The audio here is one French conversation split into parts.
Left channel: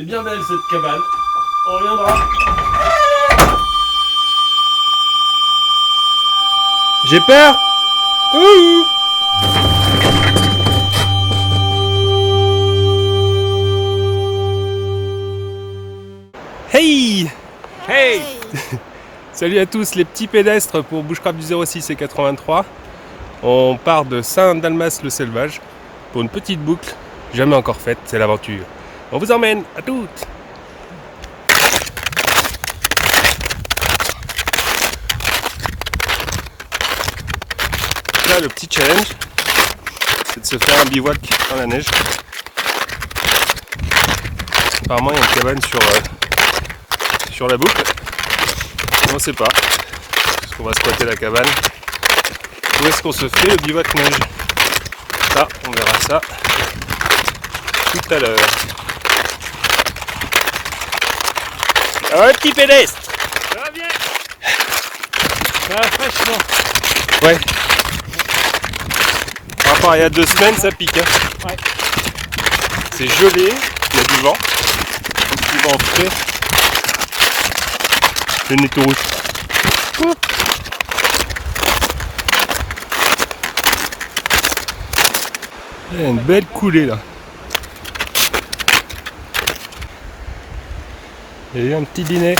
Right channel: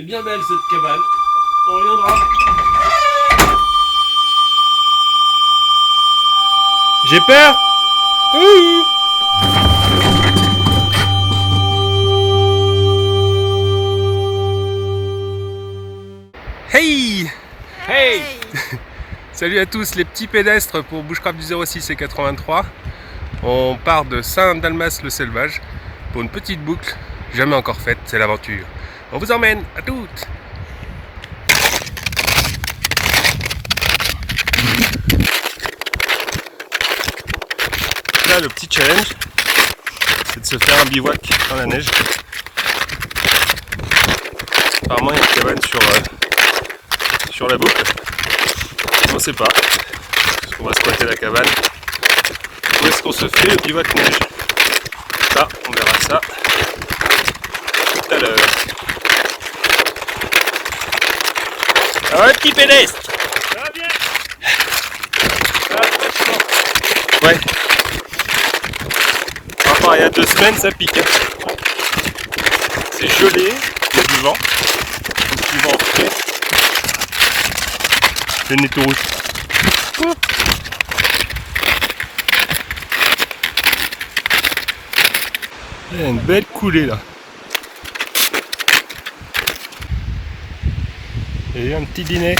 C'est bien belle cette cabane. On reviendra. J'ai peur. Ouh. Hey. Hey. Salut à tous les petits pédestres pour Bushcraft du 06 et 83. On part de Saint-Dalmas-le-Selvage pour une petite boucle jamais encore faite, c'est l'aventure. On vous emmène, à toutes. Là, le petit challenge, c'est de se faire un bivouac dans la neige. Apparemment, il y a une cabane sur la boucle. On ne sait pas. Est-ce qu'on va squatter la cabane? Où est-ce qu'on se fait le bivouac neige? Ça, on verra ça tout à l'heure. Ah ouais, petit pédestre. Ça va bien? Ça va franchement. Ouais. Par rapport à il y a 2 semaines, ça pique. Hein. Ouais. C'est gelé, il y a du vent. Du vent frais. Le nez tout rouge. Il y a une belle coulée là. Il y a eu un petit dîner.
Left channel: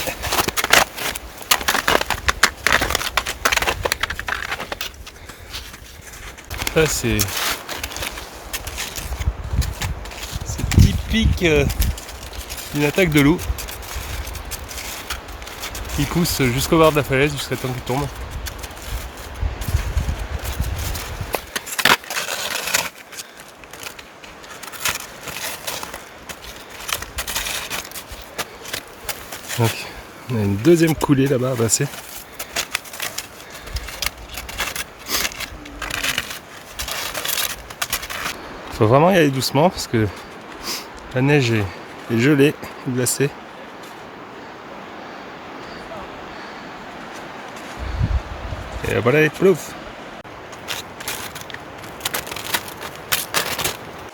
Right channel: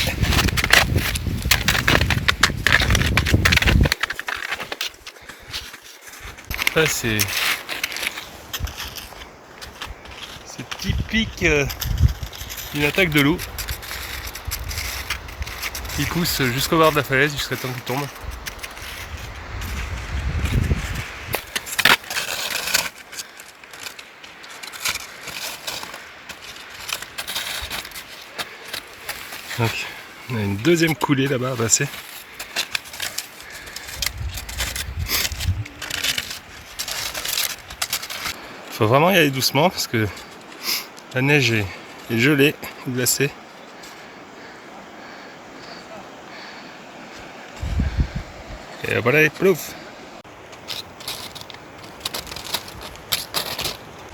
Ça c'est typique d'une attaque de loup. Il pousse jusqu'au bord de la falaise, jusqu'à temps qu'il tombe. Donc, on a une deuxième coulée là-bas à passer. Faut vraiment y aller doucement parce que la neige est gelée, glacée. Et voilà, il plouf.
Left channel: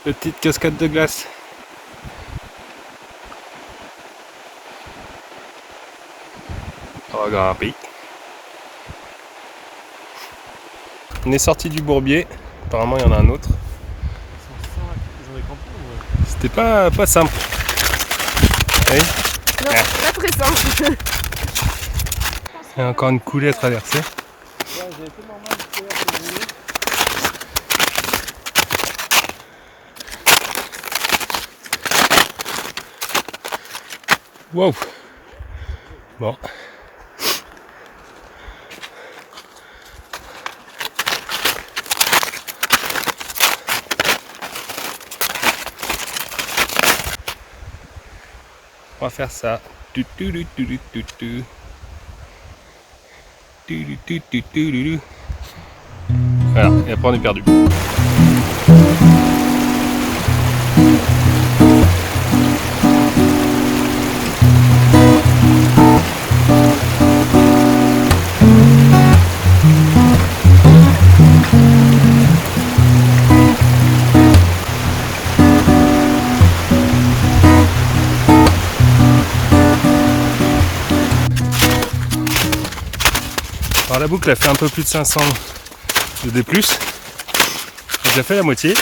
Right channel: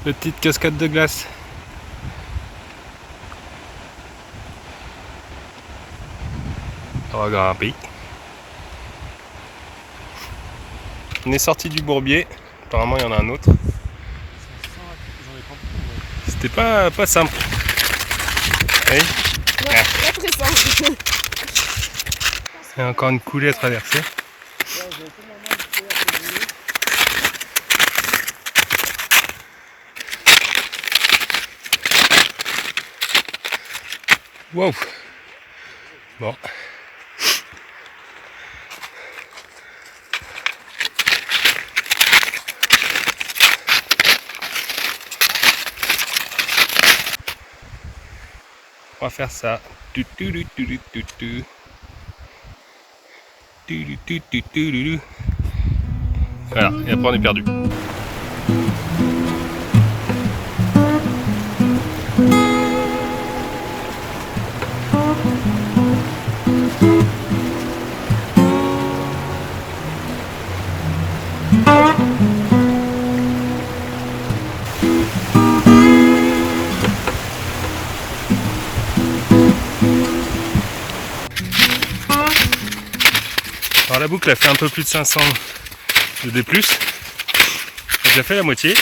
Petite cascade de glace. On va grimper. On est sorti du bourbier. Apparemment, il y en a un autre. C'était pas simple. Oui. Non, pas très simple. Il y a encore une coulée à traverser. Wow. Bon. On va faire ça. Voilà, et après on est perdu. Alors la boucle a fait un peu plus de 500 de D+. J'ai déjà fait la moitié.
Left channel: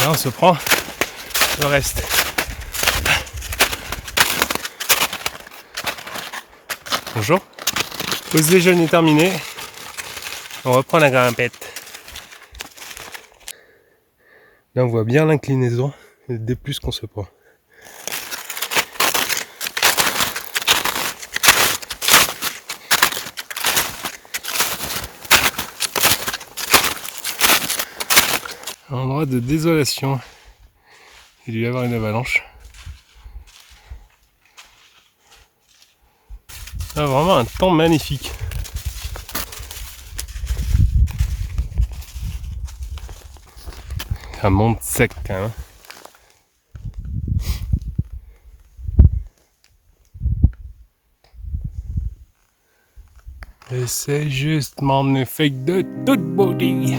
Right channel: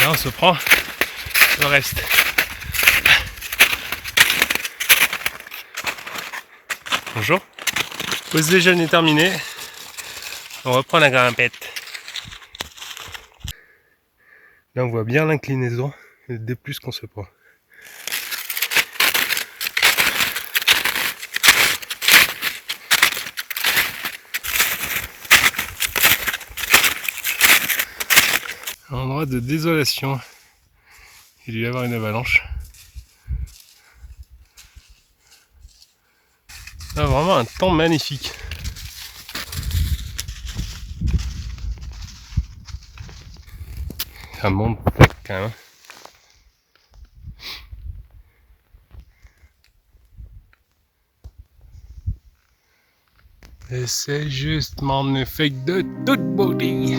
Là on se prend le reste. Bonjour. Pause déjeuner terminée. On reprend la grimpette. Là on voit bien l'inclinaison et le D+ qu'on se prend. Un endroit de désolation. Il doit y avoir une avalanche. Là, vraiment un temps magnifique. Ça monte sec quand même. Et c'est juste magnifique de toute beauté.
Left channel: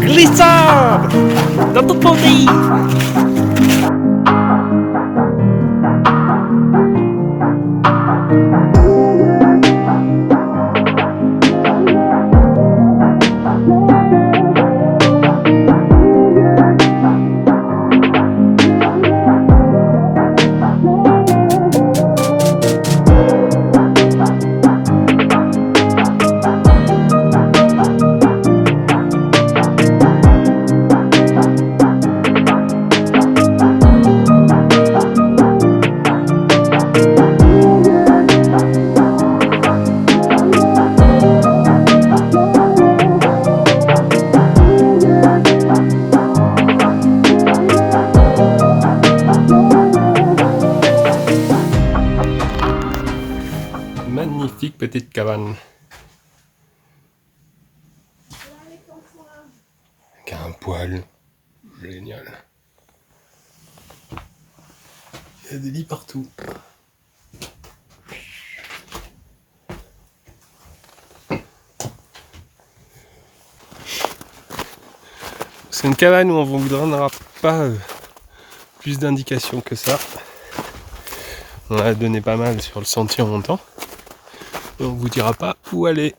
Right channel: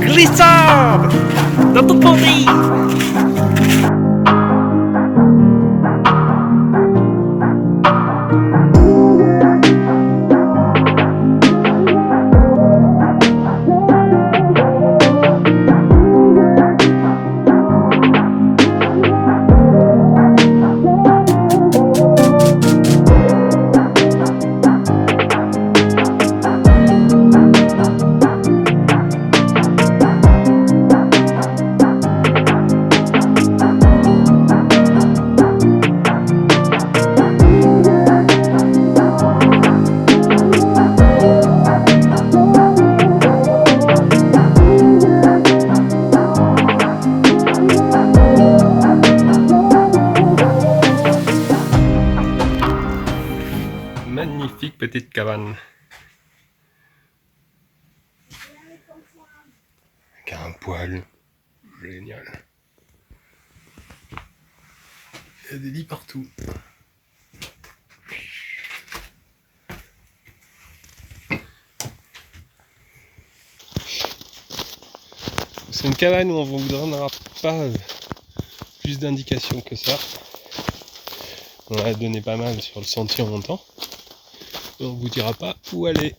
Glissade dans toute mon pays. Magnifique petite cabane. Avec un poêle. Génial. Il y a des lits partout. C'est une cabane où on ne vous donnera pas plus d'indications que ça. On a donné pas mal sur le sentier en montant. Et on vous dira pas où aller.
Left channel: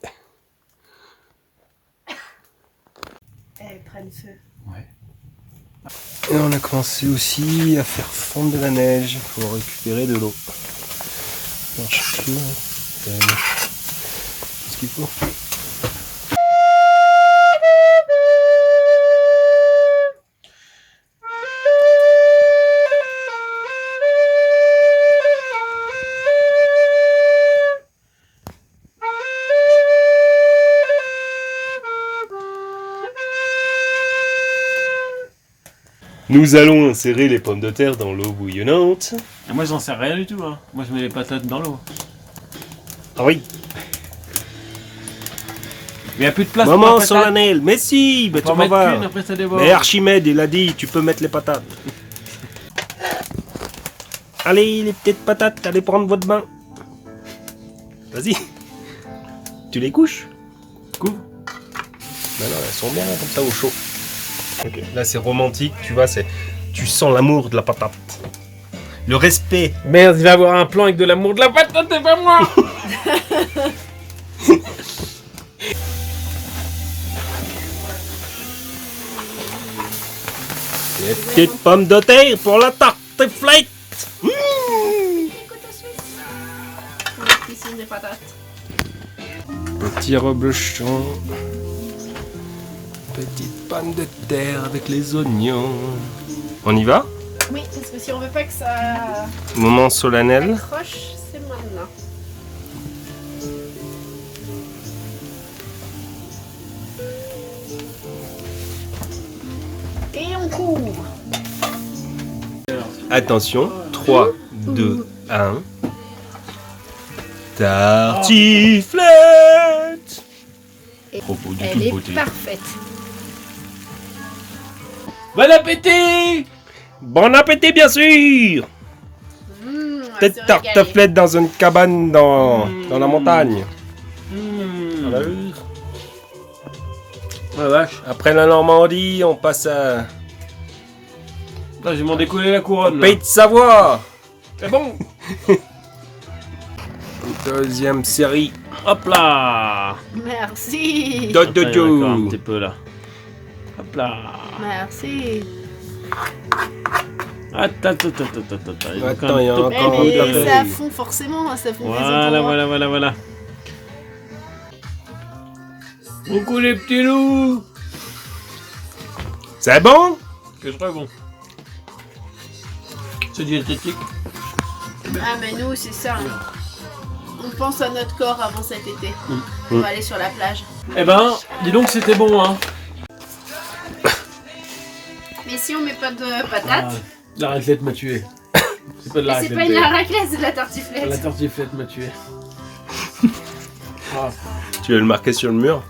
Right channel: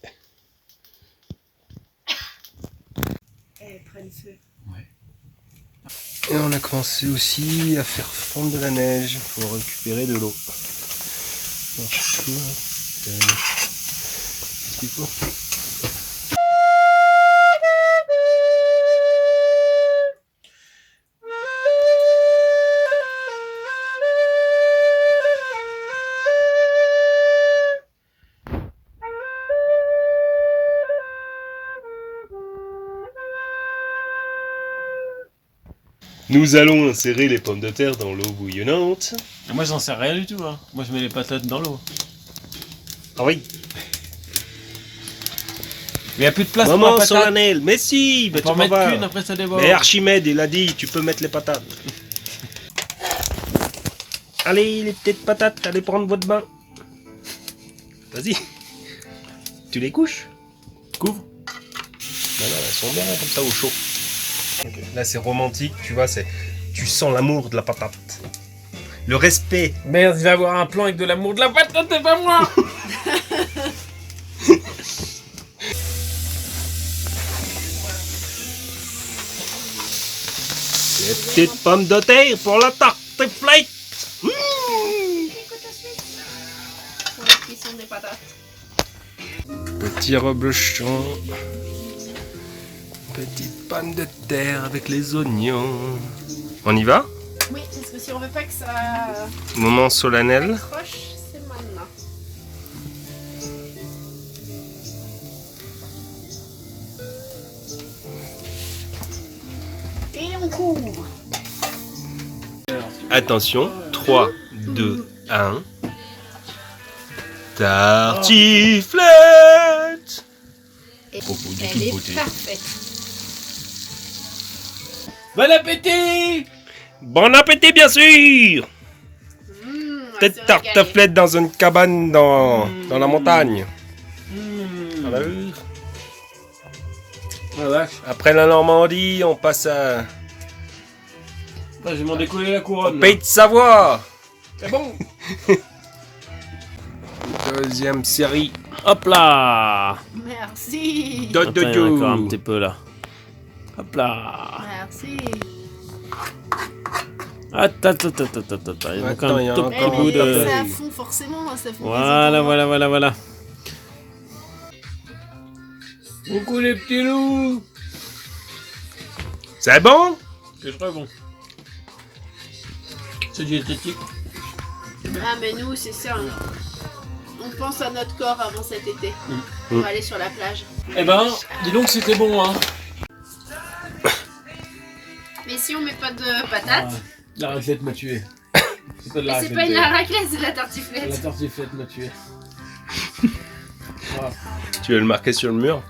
Elles prennent feu. Ouais. Et on a commencé aussi à faire fondre de la neige pour récupérer de l'eau. Alors, je sais plus, qu'est-ce qu'il faut ? Nous allons insérer les pommes de terre dans l'eau bouillonnante. Et moi j'en sais rien du tout, hein. Moi je mets les patates dans l'eau. Ah oui. Mais y a plus de place Moment pour la patate. solennel. Mais si, bah, Faut tu en vas mettre voir. qu'une, après ça déborde. Mais Archimède, il a dit, tu peux mettre les patates. Allez, les petites patates, allez prendre votre bain. Vas-y. Tu les couches ? Couvre. Non, elles sont bien comme ça au chaud. Okay. Là, c'est romantique, tu vois, tu sens l'amour de la patate. Le respect. Merde, il va avoir un plan avec de l'amour de la patate, c'est pas moi. Les petites pommes de terre pour la tarte flette. La cuisson des patates. Petit reblochon. Petite pomme de terre avec les oignons. On y va ? Oui, parce que si on veut pas que ça Moment solennel. accroche, c'est maintenant. Et on couvre. Attention, 3, 2, 1. Tartiflette. Et Propos de elle toute est beauté. parfaite. Bon appétit. Bon appétit, bien sûr. On va Peut-être se régaler. tartiflette dans une cabane dans la montagne. Ah vache. Après la Normandie, on passe à Là, je vais m'en décoller la couronne. là. Pays de Savoie. C'est bon. Deuxième série. Hop là. Merci. Do, do, Attends, il y en a encore un do. petit peu là. Hop là. Merci. Attends. Il manque Attends, il y en a tout encore petit un peu. tapé. Ça fond forcément, ça fond Voilà. Coucou les petits loups. C'est bon? C'est très bon. C'est diététique. Ah mais nous c'est ça. Hein. On pense à notre corps avant cet été. On va aller sur la plage. Eh ben, dis donc c'était bon, hein. Mais si on met pas de patates, La raclette m'a tué. C'est pas de la mais c'est raclette. pas une raclette, c'est de la tartiflette. La tartiflette m'a tué. Ah, Tu veux le marquer sur le mur?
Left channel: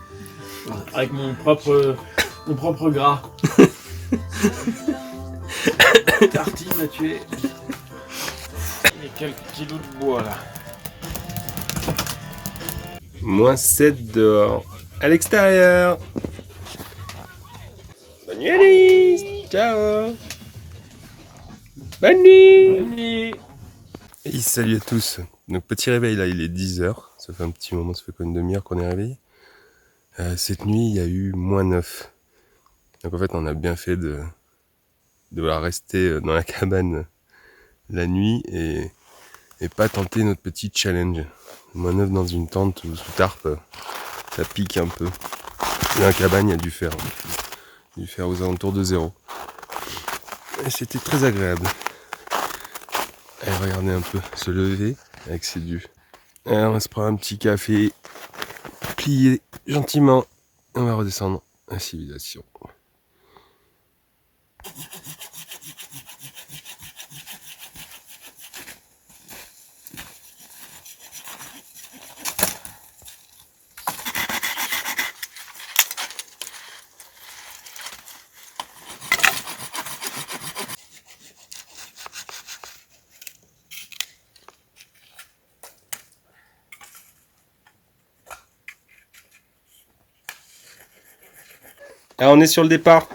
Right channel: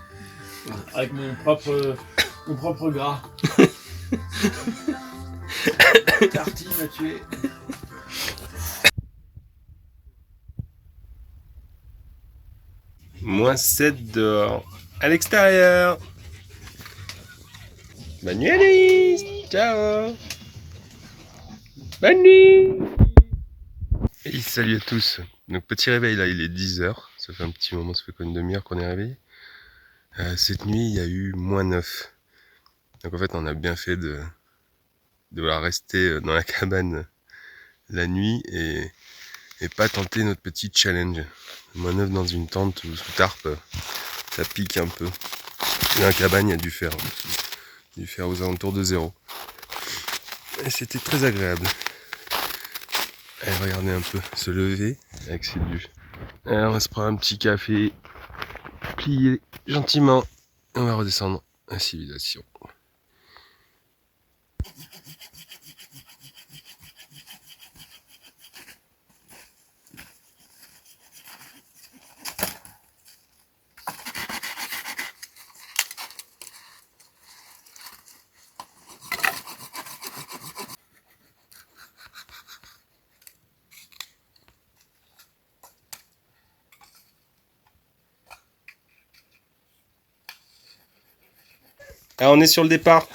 avec mon propre gras. Tartine m'a tué. Il y a quelques kilos de bois là. -7 dehors. à l'extérieur. Bonne nuit Alice. Ciao. Bonne nuit. Et salut à tous. Donc petit réveil là, il est 10h. Ça fait un petit moment, ça fait quoi, une demi-heure qu'on est réveillé. Cette nuit, il y a eu -9. Donc en fait, on a bien fait de rester dans la cabane la nuit et pas tenter notre petit challenge. -9 dans une tente ou sous tarpe, ça pique un peu. Dans la cabane, il y a dû faire aux alentours de 0. Et c'était très agréable. Allez, regardez un peu, se lever avec ses vues. Alors, on va se prendre un petit café, plier gentiment, et on va redescendre à civilisation. Alors on est sur le départ,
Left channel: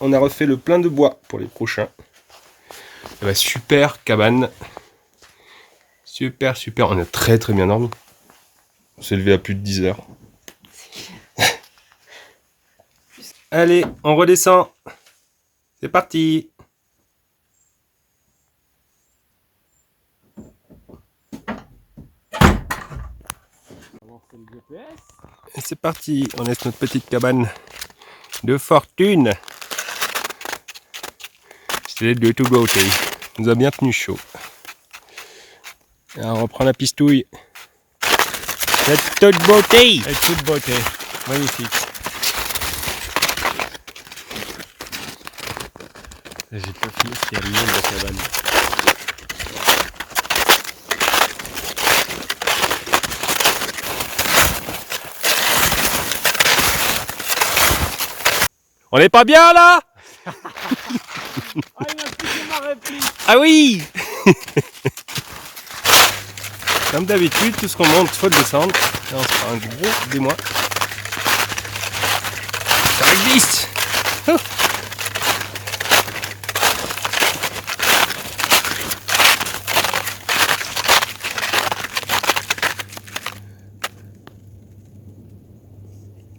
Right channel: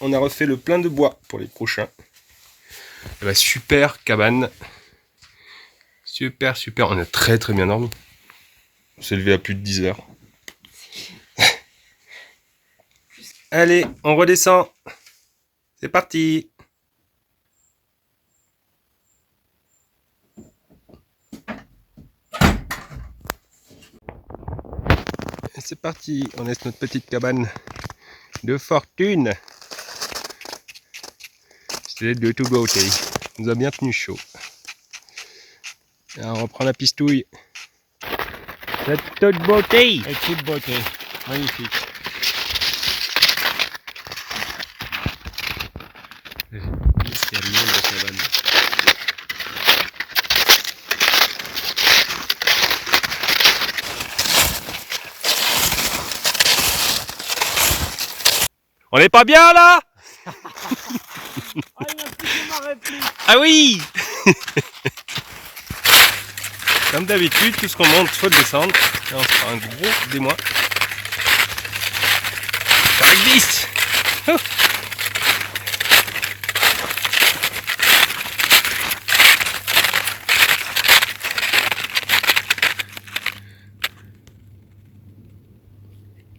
on a refait le plein de bois pour les prochains. Et bah, super cabane, super, on a très bien dormi. On s'est levé à plus de 10 heures. Allez, on redescend, c'est parti. Et c'est parti, on laisse notre petite cabane de fortune. C'est de tout beauté. Il nous a bien tenu chaud. Alors on reprend la pistouille. C'est toute beauté. Et toute beauté. Magnifique. J'ai pas fini ce qu'il y a de monde dans la cabane. On n'est pas bien là? Ah oui. Comme d'habitude, tout ce qu'on monte, faut le descendre. Là, on se prend un gros démoi. Ça glisse.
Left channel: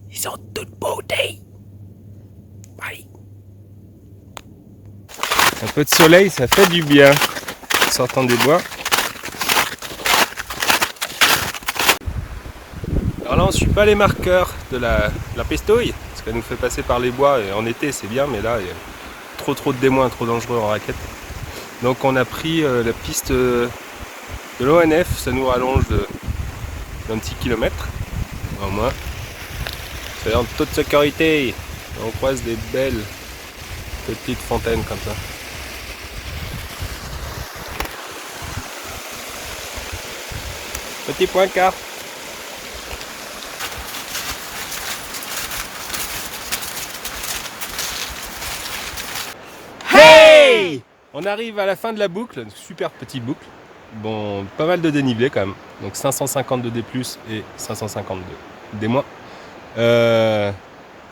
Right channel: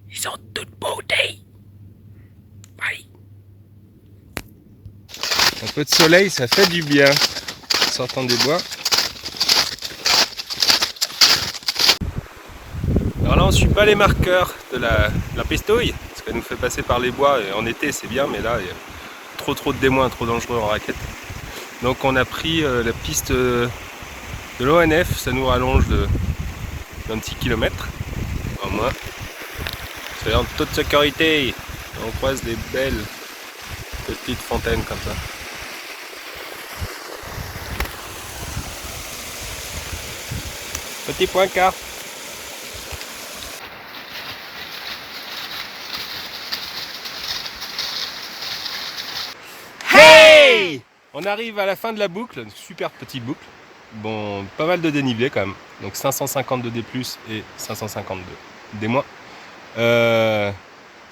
Ils sont toutes beauté. Un peu de soleil, ça fait du bien. En sortant des bois. Alors là, on ne suit pas les marqueurs de la pestouille, parce qu'elle nous fait passer par les bois. Et en été, c'est bien, mais là, il y a trop de démoins, trop dangereux en raquette. Donc on a pris la piste de l'ONF, ça nous rallonge d'un petit kilomètre, au moins. C'est en toute sécurité. On croise des belles petites fontaines comme ça. Petit point quart. Hey! On arrive à la fin de la boucle, une super petite boucle. Bon, pas mal de dénivelé quand même. Donc 550 de D+, et 550 de D-.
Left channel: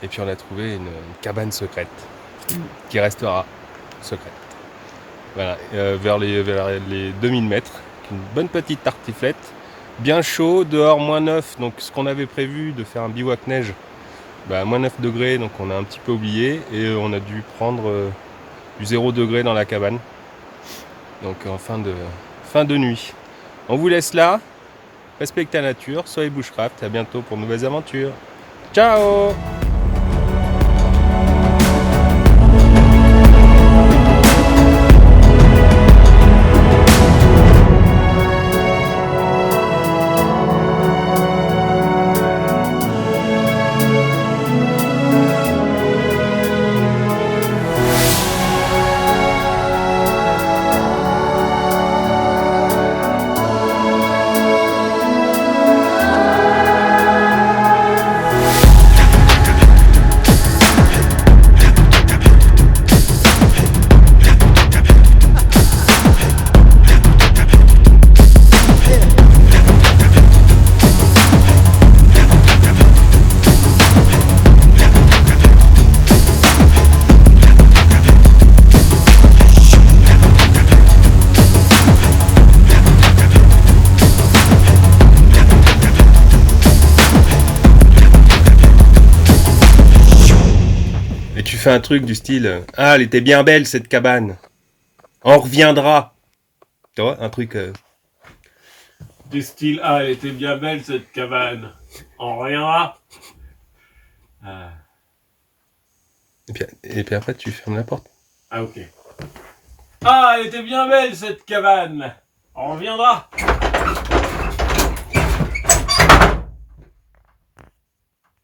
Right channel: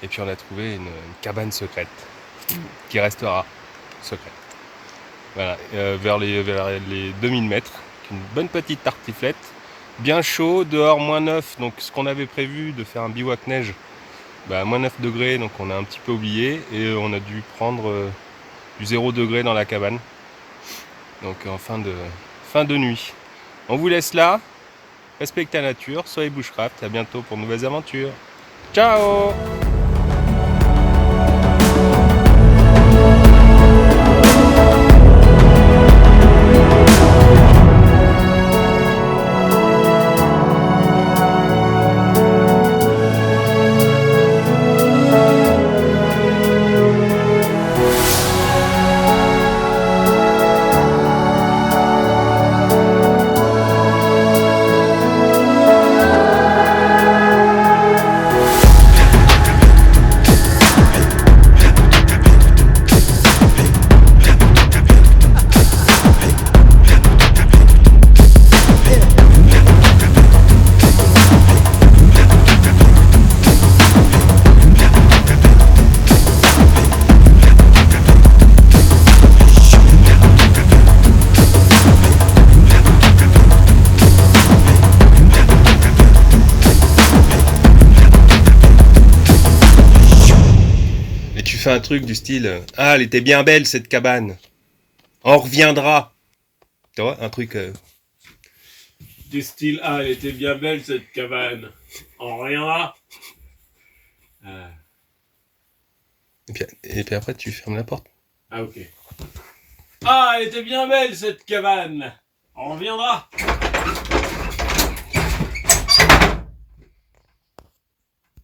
Et puis on a trouvé une cabane secrète qui restera secrète. Voilà, vers les 2000 mètres. Une bonne petite tartiflette. Bien chaud, dehors -9, donc ce qu'on avait prévu de faire un bivouac neige, bah, -9 degrés, donc on a un petit peu oublié et on a dû prendre du 0 degré dans la cabane. Donc en fin de nuit. On vous laisse là, respectez la nature, soyez bushcraft, à bientôt pour de nouvelles aventures. Ciao! tu fais un truc du style ah, elle était bien belle cette cabane. On reviendra. Tu vois, un truc. Du style, ah, elle était bien belle cette cabane. On reviendra. Et puis après, tu fermes la porte. Ah, ok. Ah, elle était bien belle cette cabane. On reviendra.